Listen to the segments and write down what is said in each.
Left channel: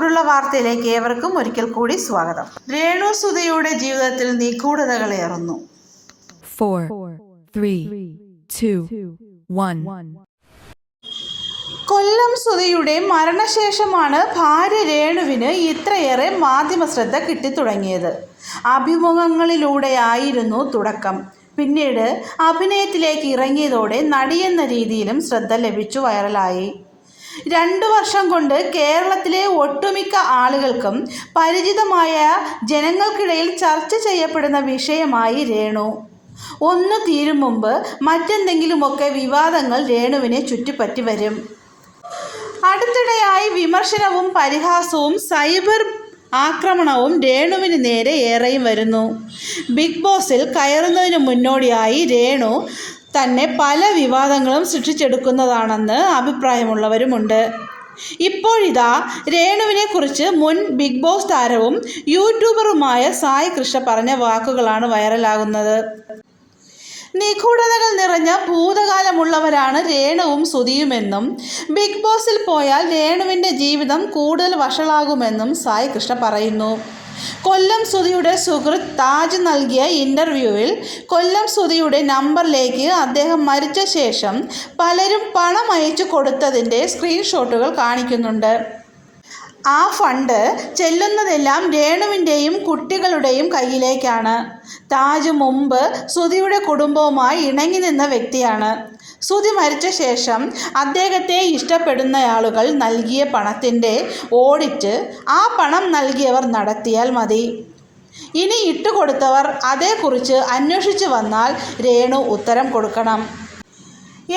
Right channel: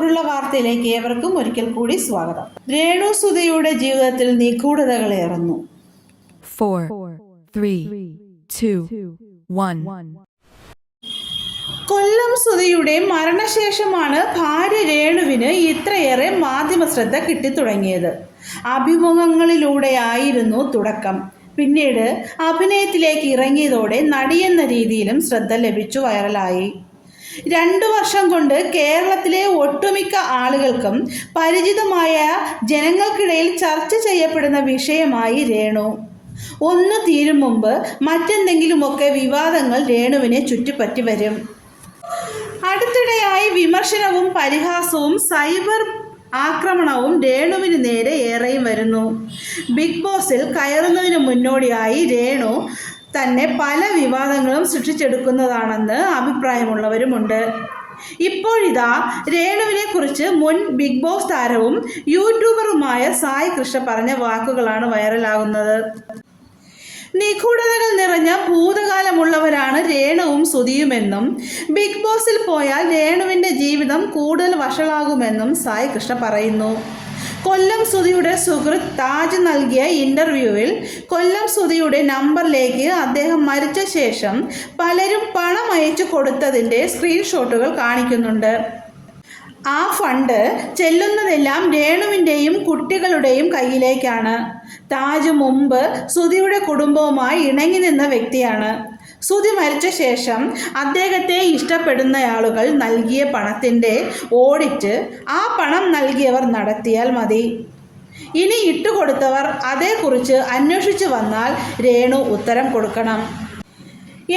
ചൂടുള്ള വാർത്തയിലേക്ക് ഏവർക്കും ഒരിക്കൽ കൂടി സ്വാഗതം. രേണു സുധിയുടെ ജീവിതത്തിൽ നിഗൂഢതകളേറുന്നു. 4, 3, 2, 1. കൊല്ലം സുധിയുടെ മരണശേഷമാണ് ഭാര്യ രേണുവിന് ഇത്രയേറെ മാധ്യമ ശ്രദ്ധ കിട്ടിത്തുടങ്ങിയത്. അഭിമുഖങ്ങളിലൂടെയായിരുന്നു തുടക്കം. പിന്നീട് അഭിനയത്തിലേക്ക് ഇറങ്ങിയതോടെ നടിയെന്ന രീതിയിലും ശ്രദ്ധ ലഭിച്ചു വൈറലായി. 2 വർഷം കൊണ്ട് കേരളത്തിലെ ഒട്ടുമിക്ക ആളുകൾക്കും പരിചിതമായ, ജനങ്ങൾക്കിടയിൽ ചർച്ച ചെയ്യപ്പെടുന്ന വിഷയമായി രേണു. ഒന്ന് തീരും മുമ്പ് മറ്റെന്തെങ്കിലുമൊക്കെ വിവാദങ്ങൾ രേണുവിനെ ചുറ്റിപ്പറ്റി വരും. അടുത്തിടെയായി വിമർശനവും പരിഹാസവും സൈബർ ആക്രമണവും രേണുവിന് നേരെ ഏറെയും വരുന്നു. ബിഗ് ബോസിൽ കയറുന്നതിന് മുന്നോടിയായി രേണു തന്നെ പല വിവാദങ്ങളും സൃഷ്ടിച്ചെടുക്കുന്നതാണെന്ന് അഭിപ്രായമുള്ളവരുമുണ്ട്. ഇപ്പോഴിതാ രേണുവിനെ കുറിച്ച് മുൻ ബിഗ് ബോസ് താരവും യൂട്യൂബറുമായ സായി കൃഷ്ണ പറഞ്ഞ വാക്കുകളാണ് വൈറലാകുന്നത്. നിഗൂഢതകൾ നിറഞ്ഞ ഭൂതകാലമുള്ളവരാണ് രേണുവും സുധിയുമെന്നും ബിഗ് ബോസിൽ പോയാൽ രേണുവിൻ്റെ ജീവിതം കൂടുതൽ വഷളാകുമെന്നും സായി കൃഷ്ണ പറയുന്നു. കൊല്ലം സുധിയുടെ സുഹൃത്ത് താജ് നൽകിയ ഇൻ്റർവ്യൂവിൽ കൊല്ലം സുധിയുടെ നമ്പറിലേക്ക് അദ്ദേഹം മരിച്ച ശേഷം പലരും പണം അയച്ചു കൊടുത്തതിൻ്റെ സ്ക്രീൻഷോട്ടുകൾ കാണിക്കുന്നുണ്ട്. ആ ഫണ്ട് ചെല്ലുന്നതെല്ലാം രേണുവിൻ്റെയും കുട്ടികളുടെയും കയ്യിലേക്കാണ്. താജ് മുമ്പ് സുധിയുടെ കുടുംബവുമായി ഇണങ്ങി നിന്ന വ്യക്തിയാണ്. സുധി മരിച്ച ശേഷം അദ്ദേഹത്തെ ഇഷ്ടപ്പെടുന്നയാളുകൾ നൽകിയ പണത്തിൻ്റെ ഓഡിറ്റ് ആ പണം നൽകിയവർ നടത്തിയാൽ മതി. ഇനി ഇട്ടുകൊടുത്തവർ അതേക്കുറിച്ച് അന്വേഷിച്ചു വന്നാൽ രേണു ഉത്തരം കൊടുക്കണം.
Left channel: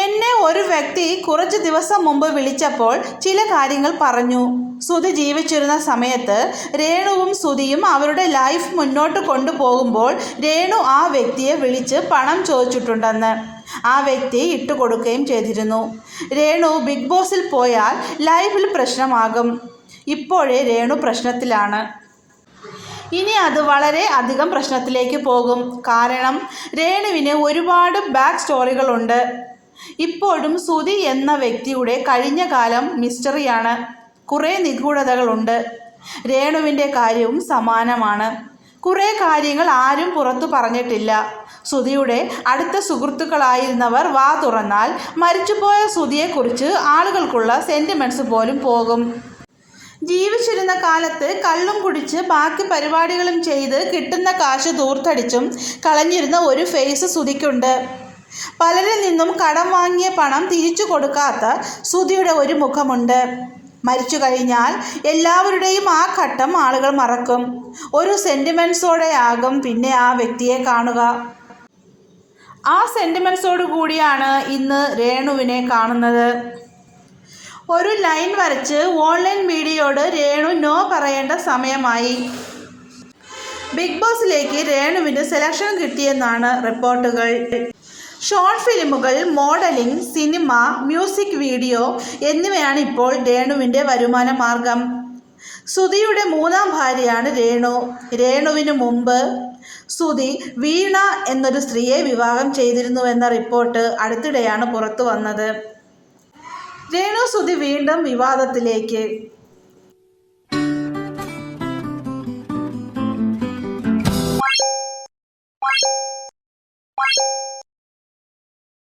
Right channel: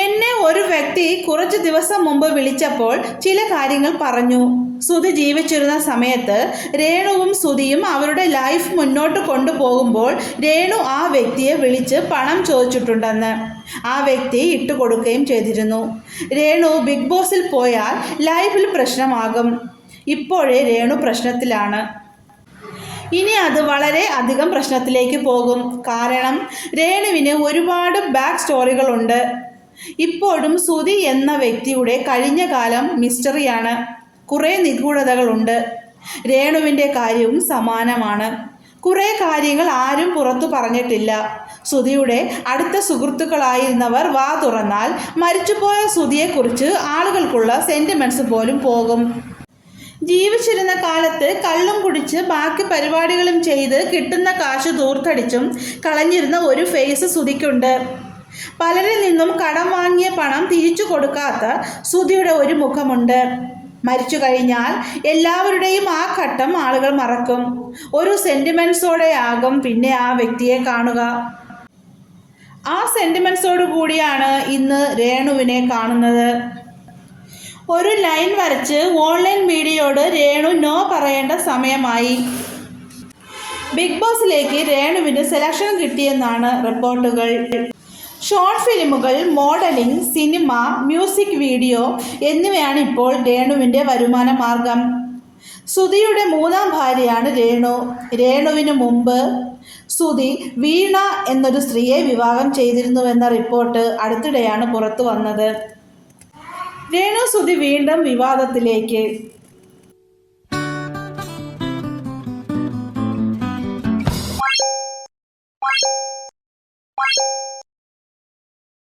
എന്നെ ഒരു വ്യക്തി കുറച്ച് ദിവസം മുമ്പ് വിളിച്ചപ്പോൾ ചില കാര്യങ്ങൾ പറഞ്ഞു. സുധി ജീവിച്ചിരുന്ന സമയത്ത് രേണുവും സുധിയും അവരുടെ ലൈഫ് മുന്നോട്ട് കൊണ്ടുപോകുമ്പോൾ രേണു ആ വ്യക്തിയെ വിളിച്ച് പണം ചോദിച്ചിട്ടുണ്ടെന്ന്. ആ വ്യക്തി ഇട്ടുകൊടുക്കുകയും ചെയ്തിരുന്നു. രേണു ബിഗ് ബോസിൽ പോയാൽ ലൈഫിൽ പ്രശ്നമാകും. ഇപ്പോഴേ രേണു പ്രശ്നത്തിലാണ്. ഇനി അത് വളരെ അധികം പ്രശ്നത്തിലേക്ക് പോകും. കാരണം രേണുവിന് ഒരുപാട് ബാക്ക് സ്റ്റോറികളുണ്ട്. ഇപ്പോഴും സുധി എന്ന വ്യക്തിയുടെ കഴിഞ്ഞ കാലം മിസ്റ്ററിയാണ്. കുറേ നിഗൂഢതകളുണ്ട്. രേണുവിൻ്റെ കാര്യവും സമാനമാണ്. കുറേ കാര്യങ്ങൾ ആരും പുറത്തു പറഞ്ഞിട്ടില്ല. സുധിയുടെ അടുത്ത സുഹൃത്തുക്കളായിരുന്നവർ വാ തുറന്നാൽ മരിച്ചുപോയ സുധിയെക്കുറിച്ച് ആളുകൾക്കുള്ള സെൻറ്റിമെൻറ്റ്സ് പോലും പോകും. ജീവിച്ചിരുന്ന കാലത്ത് കള്ളും കുടിച്ച് ബാക്കി പരിപാടികളും ചെയ്ത് കിട്ടുന്ന കാശ് ദൂർത്തടിച്ചും കളഞ്ഞിരുന്ന ഒരു ഫേസ് സുധിക്കുണ്ട്. പലരിൽ നിന്നും കടം വാങ്ങിയ പണം തിരിച്ചു കൊടുക്കാത്ത സുധിയുടെ ഒരു മുഖമുണ്ട്. മരിച്ചു കഴിഞ്ഞാൽ എല്ലാവരുടെയും ആ ഘട്ടം ആളുകൾ മറക്കും. ഒരു സെൻറ്റിമെൻറ്റ്സോടെ ആകും പിന്നെ ആ വ്യക്തിയെ കാണുക. ആ സെൻറ്റിമെൻറ്റ്സോടു കൂടിയാണ് ഇന്ന് രേണുവിനെ കാണുന്നത്. ഒരു ലൈൻ വരച്ച് ഓൺലൈൻ മീഡിയയോട് രേണു നോ പറയേണ്ട സമയമായി. ബിഗ് ബോസിലേക്ക് രേണുവിന് സെലക്ഷൻ കിട്ടിയെന്നാണ് റിപ്പോർട്ടുകൾ. ഷോർട്ട് ഫിലിമുകൾ, മോഡലിംഗ്, സിനിമ, മ്യൂസിക് വീഡിയോ എന്നിവയാണ് ഇപ്പോൾ രേണുവിൻ്റെ വരുമാന മാർഗം. സുധിയുടെ 3ാം ഭാര്യയാണ് രേണു. രേണുവിന് മുമ്പ് സുധി വീണ എന്നൊരു സ്ത്രീയെ വിവാഹം ചെയ്തിരുന്നുവെന്ന റിപ്പോർട്ട് അടുത്തിടെയാണ് പുറത്തു വന്നത്. രേണു സുധി വീണ്ടും വിവാദത്തിലേക്ക്.